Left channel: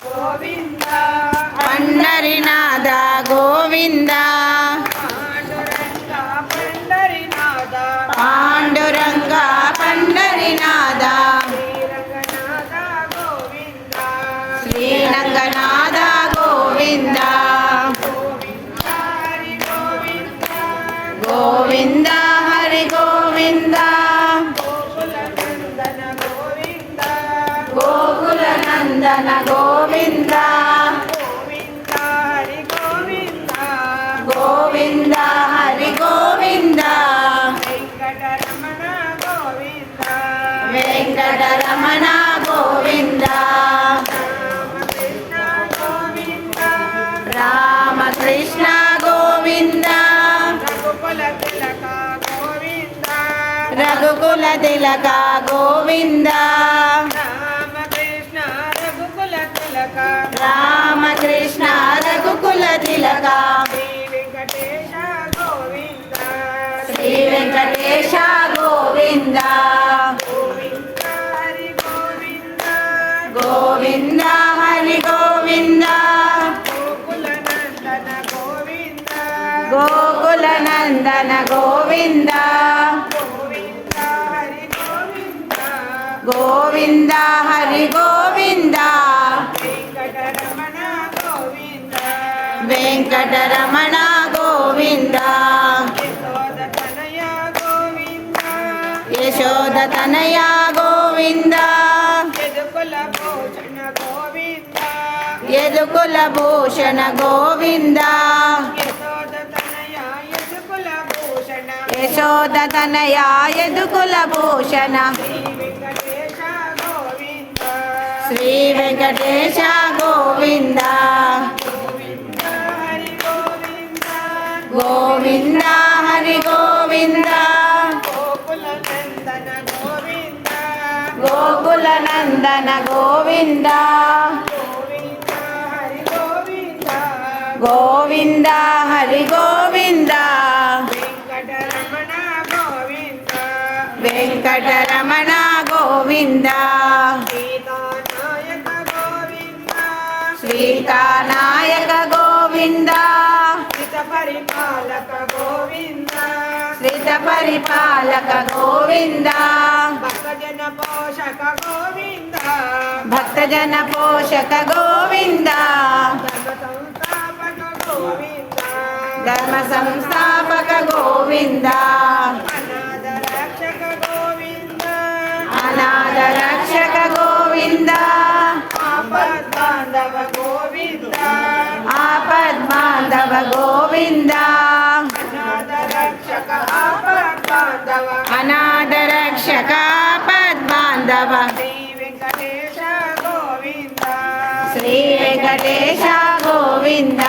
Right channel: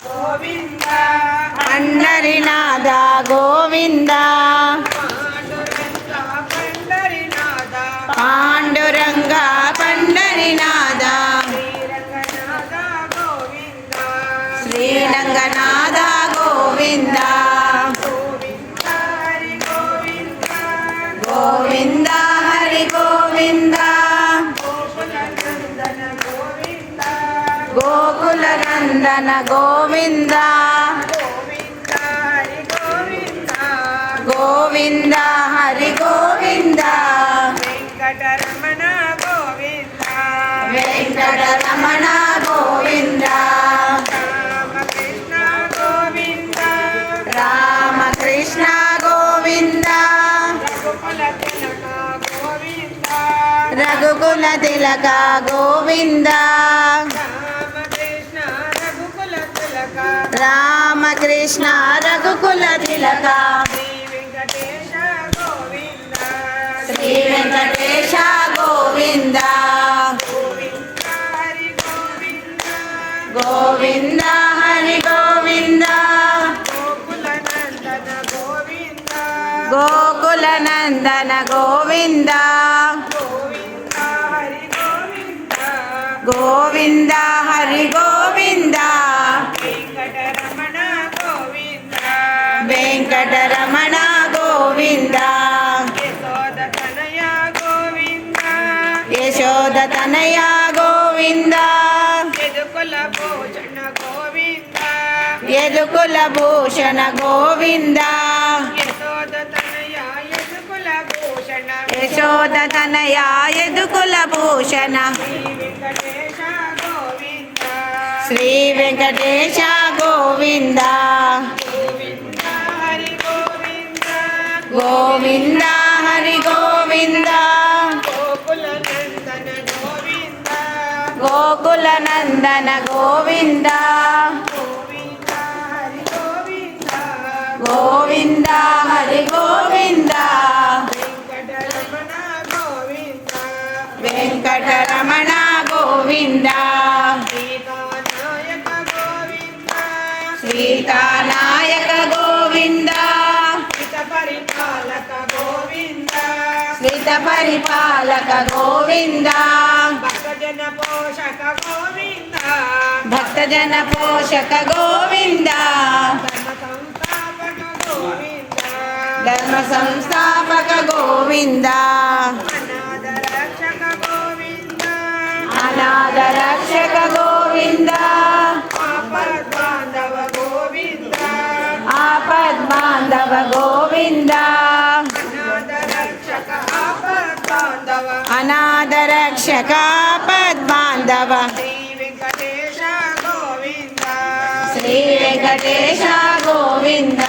గోవింద పండరినాథ గోవింద పాండురంగ పండరినాథ పాండురంగ పండరినాథ శ్రీరంగనాథ శ్రీరంగనాథ గోవింద గోవింద గోవింద హరి గోవింద గోవింద హరి గోవింద గోకుల నందన గోవింద గోకుల నందన గోవింద గోవింద హరి గోవింద గోవింద హరి గోవింద వెంకటరమణ గోవింద వెంకటరమణ గోవింద రామకృష్ణ గోవింద రఘుకుల తిలక గోవింద రామకృష్ణ రఘుకుల తిలక శ్రీ వెంకటేశ గోవింద శ్రీ వెంకటేశ గోవింద గోవింద హరి గోవింద గోకుల నందన గోవింద గోవింద హరి గోవింద వెంకటరమణ గోవింద యశోద తనయ గోవింద యదుకుల భూషణ గోవింద యశోద తనయ యదుకుల భూషణ శ్రీ వెంకటేశ గోవింద గోవింద హరి గోవింద గోకుల నందన గోవింద గోవింద హరి గోవింద వెంకటరమణ గోవింద సీతానాయక గోవింద శ్రిత పరిపాలక గోవింద భక్తజన పోషక గోవింద ధర్మ సంస్థాపక గోవింద అనాథ రక్షక గోవింద ఆపద్ బాంధవ గోవింద అనాథ రక్షక ఆపద్ బాంధవ శ్రీ వెంకటేశ గోవింద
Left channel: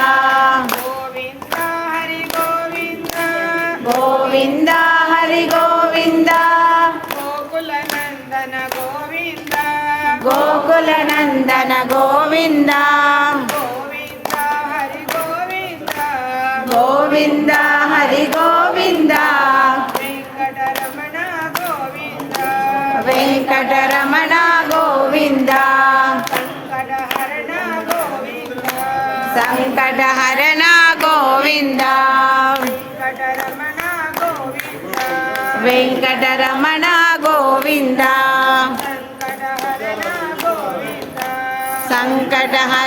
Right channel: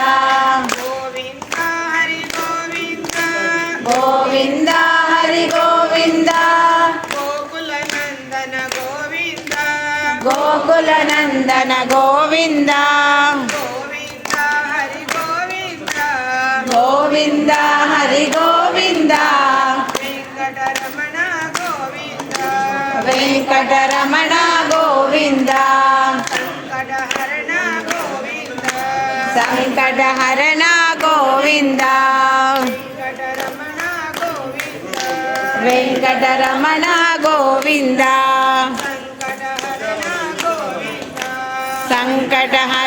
గోవింద హరి గోవింద గోకుల నందన గోవింద గోవింద హరి గోవింద వెంకటరమణ గోవింద సంకటహరణ గోవింద వెంకటరమణ గోవింద సంకటహర